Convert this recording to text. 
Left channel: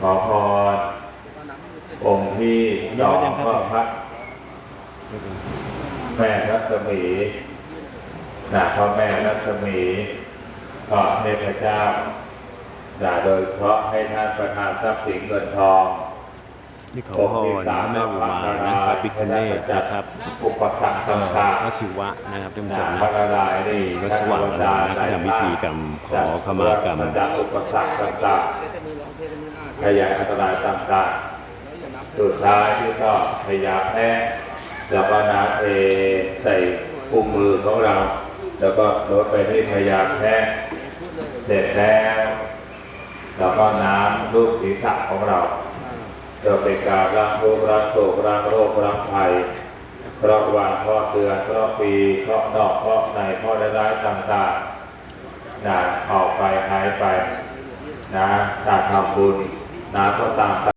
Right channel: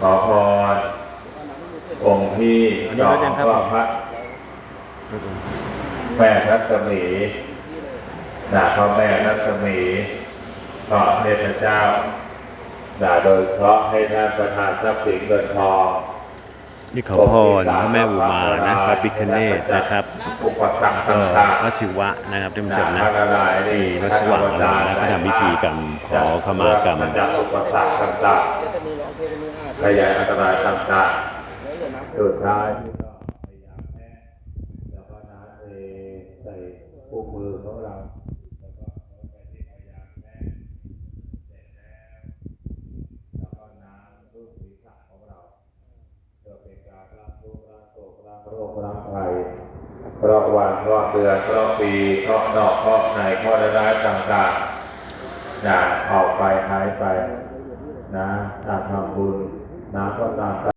ขอพรองค์ที่อันนี้สอก็งยังครับก็พระแม่รัศมีนะพระแม่รัศมีขอเทพเจ้านะโดยเฉพาะให้ท่านประทานทรัพย์สินเงินทองนี่ขอพรพระแม่อุมานะพระปิคเนตนะครับอุปสรรคก็ต่างๆพระศิวะนะครับท่านผู้ชมนะพระนารายณ์ที่วัดสว่างอารมณ์แล้วก็ทำพิธีกรรมขอขมากรรม จากอุปสรรคต่ายานอันตรายต่างๆสุดท้ายที่ก็พยาแพ้แล้วก็น้ำเทใส่ปุ่มมือของเรา แล้วก็ลดไปที่พยาแพ้เสร็จแล้วแล้วก็น้ำลูกศีรษะของเราจะเป็นการล้างทุกข์ล้างโศกล้างโรคล้างภัยเพราะวันเพราะเดือนเพราะปีเพราะนอกเพราะในเพราะร้ายๆต่างๆนะออกไปหายไป นะการทำบุญ นาก็ตาม